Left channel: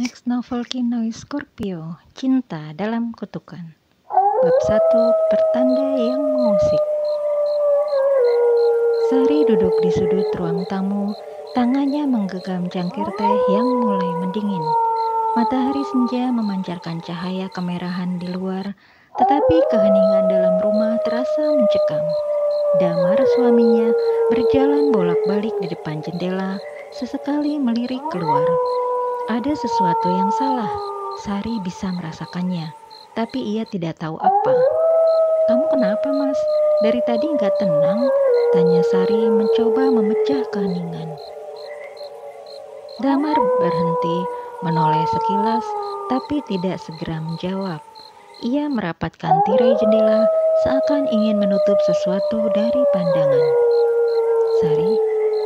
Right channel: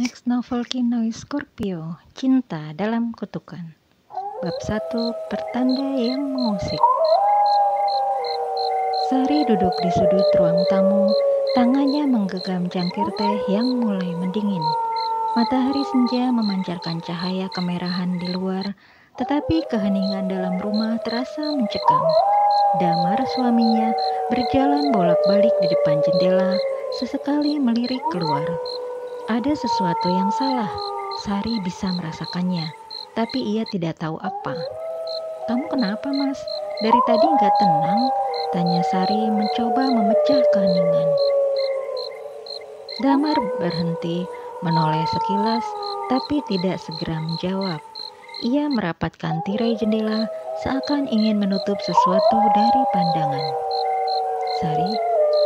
Next novel Kinoi Scorpio, Cinta dalam Kutukan. Bab 1, Pertanda yang Mengusik. Sari duduk di sudut ruang tamu, tangannya menggenggam cangkir teh yang mulai mendingin. Matahari senja memancarkan cahaya kemerahan di luar, tetapi keheningan dalam rumah terasa mencekam. Damar suaminya berjalan bolak-balik di depan jendela, sesekali melirik keluar. Ada sesuatu yang salah, Sari bisa merasakannya, tapi ia tidak tahu apa. "Kamu kenapa, Mas? Dari tadi nggak tenang?" tanya Sari mencoba memecah keheningan. Damar berhenti, menoleh sekilas, tapi tidak segera menjawab. Ia merapatkan tirai jendela, seakan ingin menutup sesuatu dari pandangan. "Sari,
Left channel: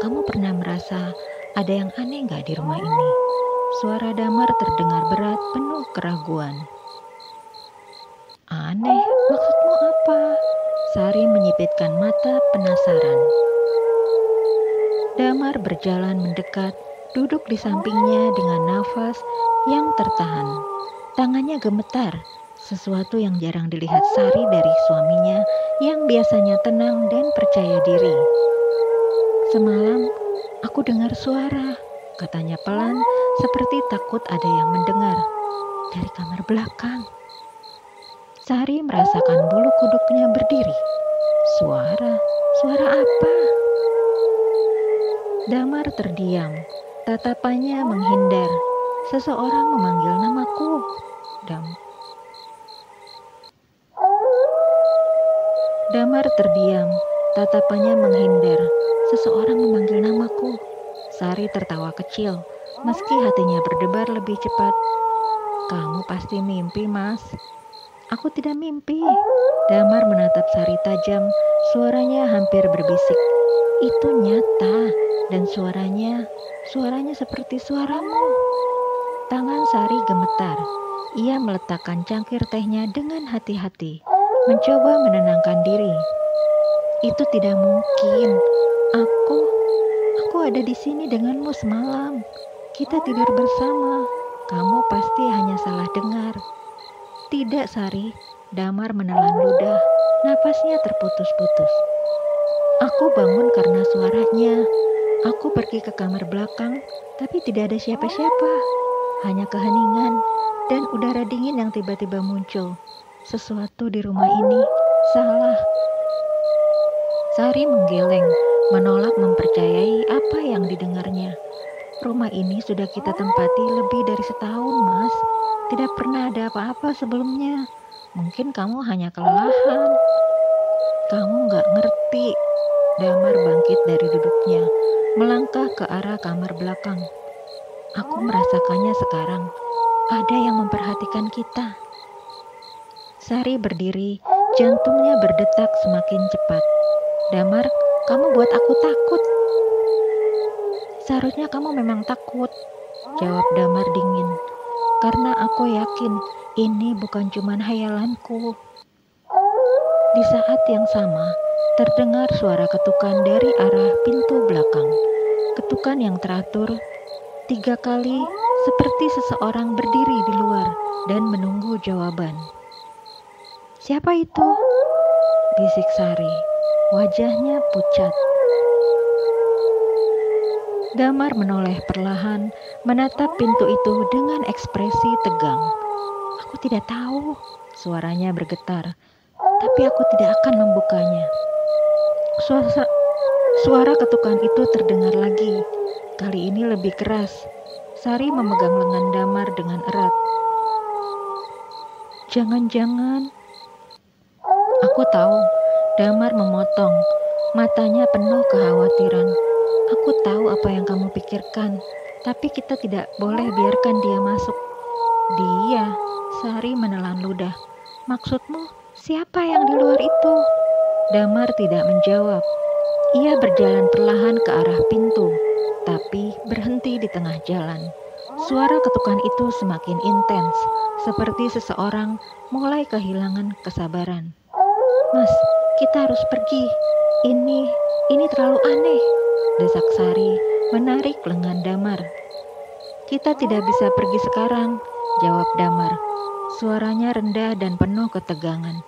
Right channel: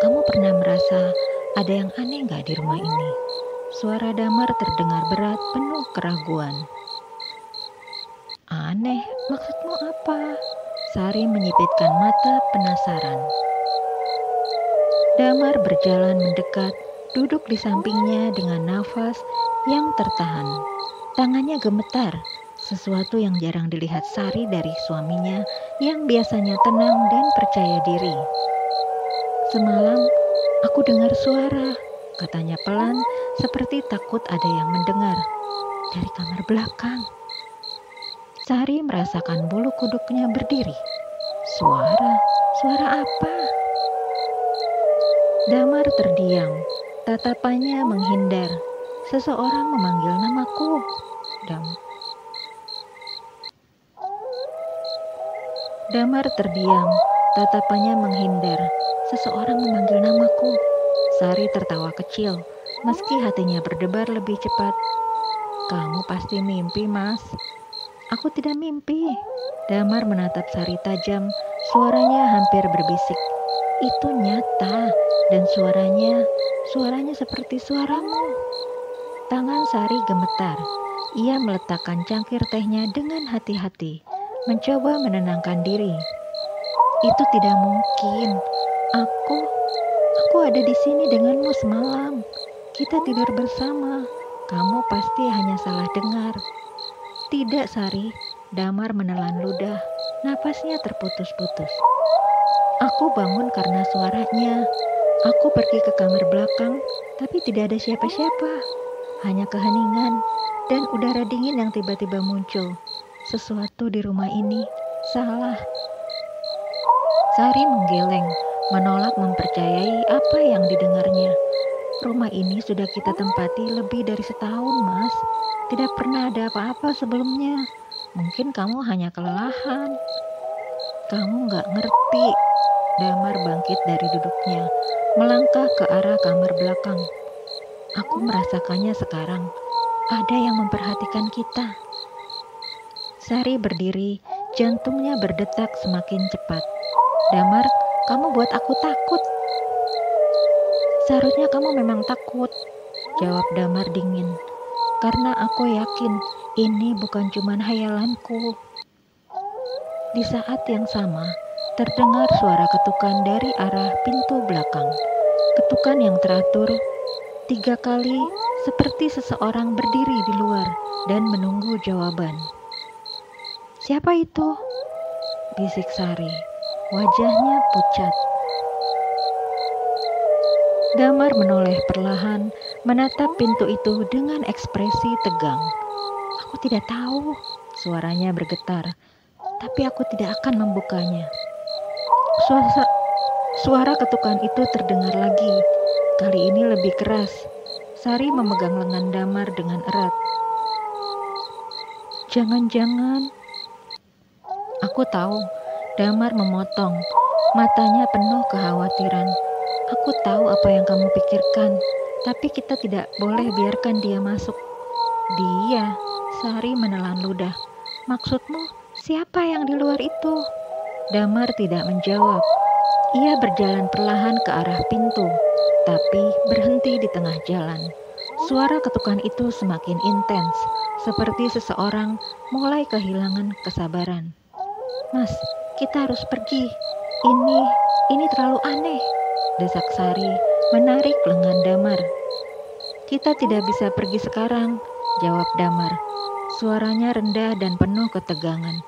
kamu pernah merasa ada yang aneh nggak di rumah ini?" Suara Damar terdengar berat, penuh keraguan. "Aneh? Maksudmu apa?" Sari menyipitkan mata penasaran. Damar berjalan mendekat, duduk di sampingnya dengan nafas yang tertahan. Tangannya gemetar, sesuatu yang jarang dilihat Sari dari suaminya yang biasanya tenang dan percaya diri. "Semalam, aku dengar suara," katanya pelan, seperti takut ada yang mendengar. "Dari kamar belakang." Sari merasakan bulu kuduknya berdiri. Suara apa? Damar terdiam, tatapannya menghindar. Seseorang memanggil namaku. Damar terdiam, tatapannya menghindar. Seseorang memanggil namaku. Sari tertawa kecil, meski hatinya berdebar lebih cepat. "Kamu pasti mimpi, Mas." "Aku tidak mimpi." Damar menatap Sari tajam, suaranya hampir berbisik. "Itu nyata, dan suaranya seperti suaramu." Tangan Sari gemetar. Ia meletakkan cangkir tehnya dengan hati-hati, mencoba menenangkan diri. "Itu tidak mungkin. Aku ada di sini denganmu semalam. Kita tidur bersama. Kamu pasti hanya salah dengar." "Tidak, Sari." Damar menelan ludah, napasnya terputus-putus. "Aku bangun karena suaranya. Aku pergi ke kamar belakang, tapi tidak ada siapa-siapa. Hanya keheningan dan udara dingin yang tiba-tiba muncul. Sesuatu di rumah ini salah." Sari menggeleng, menolak mempercayai apa yang didengarnya. "Rumah ini sudah kita tempati lebih dari setahun, Mas. Tidak pernah ada apa-apa sebelumnya. Mungkin kamu hanya kelelahan." "Kamu nggak ngerti." Damar bangkit dari duduknya, melangkah ke arah kamar belakang. "Aku merasakannya sekarang. Ada yang memperhatikan kita." Sari berdiri, jantungnya berdetak semakin cepat. "Damar, kamu buat aku takut." "Seharusnya kamu memang takut," jawab Damar dingin. "Karena aku yakin ini bukan cuma hayalanku." Di saat yang sama, terdengar suara ketukan dari arah pintu belakang. Ketukan yang teratur 3 kali, seperti seseorang berdiri di luar dan menunggu jawaban. "Siapa itu?" bisik Sari. Wajahnya pucat. Damar menoleh perlahan, menatap pintu itu dengan ekspresi tegang. "Aku tidak tahu." Suaranya bergetar. "Tapi aku tidak akan membukanya." Suara ketukan itu terdengar lagi. Kali ini lebih keras. Sari memegang lengan Damar dengan erat. "Jangan-jangan..." "Aku tahu." Damar memotong, matanya penuh kekhawatiran. "Aku tahu apa yang kamu pikirkan, tapi kita tidak boleh biarkan dia masuk." "Dia?" Sari menelan ludah. "Maksudmu siapa yang di luar itu?" Damar tidak menjawab. Ia berjalan perlahan ke arah pintu, tapi berhenti di tengah jalan. Suara ketukan itu semakin intens, seperti seseorang mulai kehilangan kesabaran. "Mas, kita harus pergi. Ini terlalu aneh," desak Sari, menarik lengan Damar. Kita tidak bisa pergi sekarang, jawab Damar. Suaranya rendah dan penuh ketegangan.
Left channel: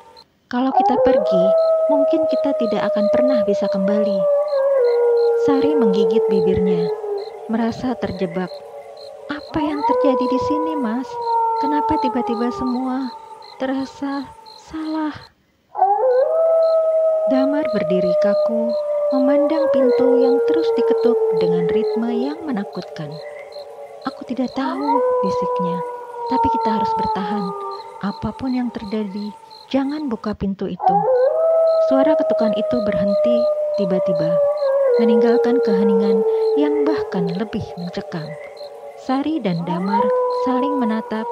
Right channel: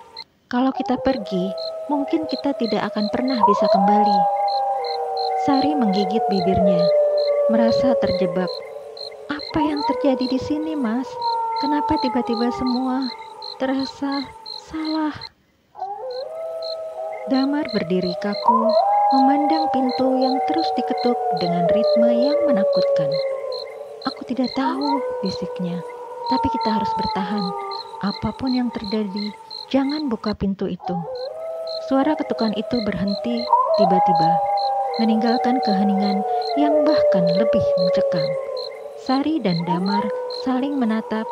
Kalau kita pergi, mungkin kita tidak akan pernah bisa kembali. Sari menggigit bibirnya, merasa terjebak. Apa yang terjadi di sini, Mas? Kenapa tiba-tiba semua terasa salah? Damar berdiri kaku, memandang pintu yang terus diketuk dengan ritme yang menakutkan. Aku tidak tahu, bisiknya. Tapi kita harus bertahan. Apapun yang terjadi, jangan buka pintu itu. Suara ketukan itu berhenti tiba-tiba, meninggalkan keheningan yang bahkan lebih mencekam. Sari dan Damar saling menatap,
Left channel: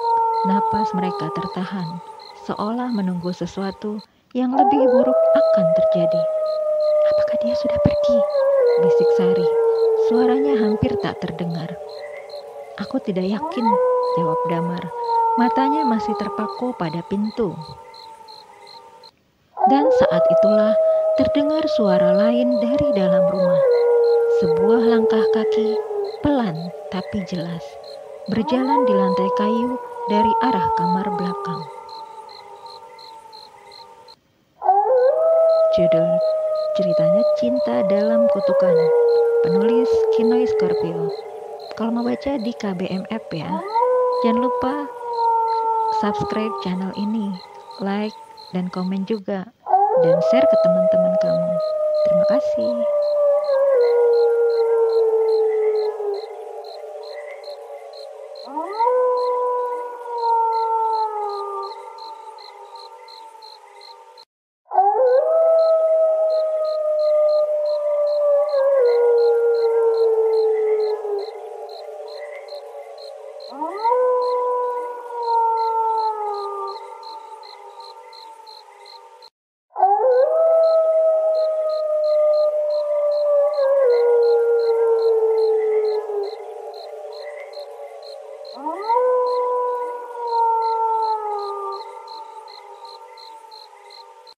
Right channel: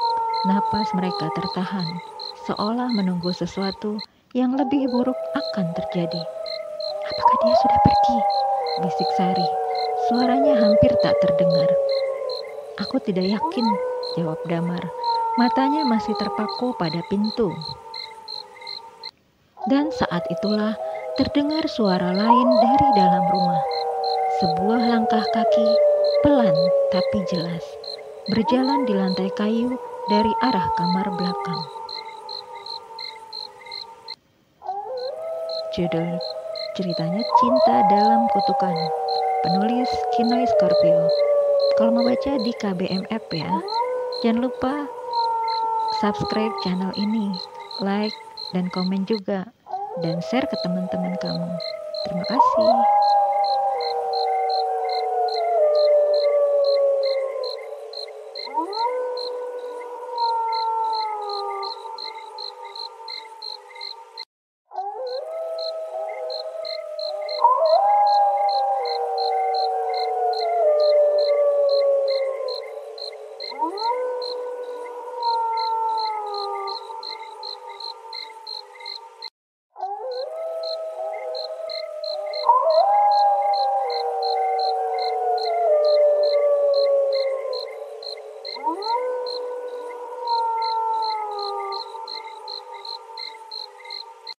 napas mereka tertahan, seolah menunggu sesuatu yang lebih buruk akan terjadi. Apakah dia sudah pergi? Bisik Sari. Suaranya hampir tak terdengar. Aku tidak yakin, jawab Damar. Matanya masih terpaku pada pintu. Dan saat itulah terdengar suara lain dari dalam rumah. Sebuah langkah kaki, pelan tapi jelas, berjalan di lantai kayu dari arah kamar belakang. Judul ceritanya Cinta Dalam Kutukan. Penulis Kinoy Scorpio. Kalau mau baca di KBMF ya. Jangan lupa subscribe channel ini, like dan komen juga, dan share ke teman-teman kamu. Terima kasih.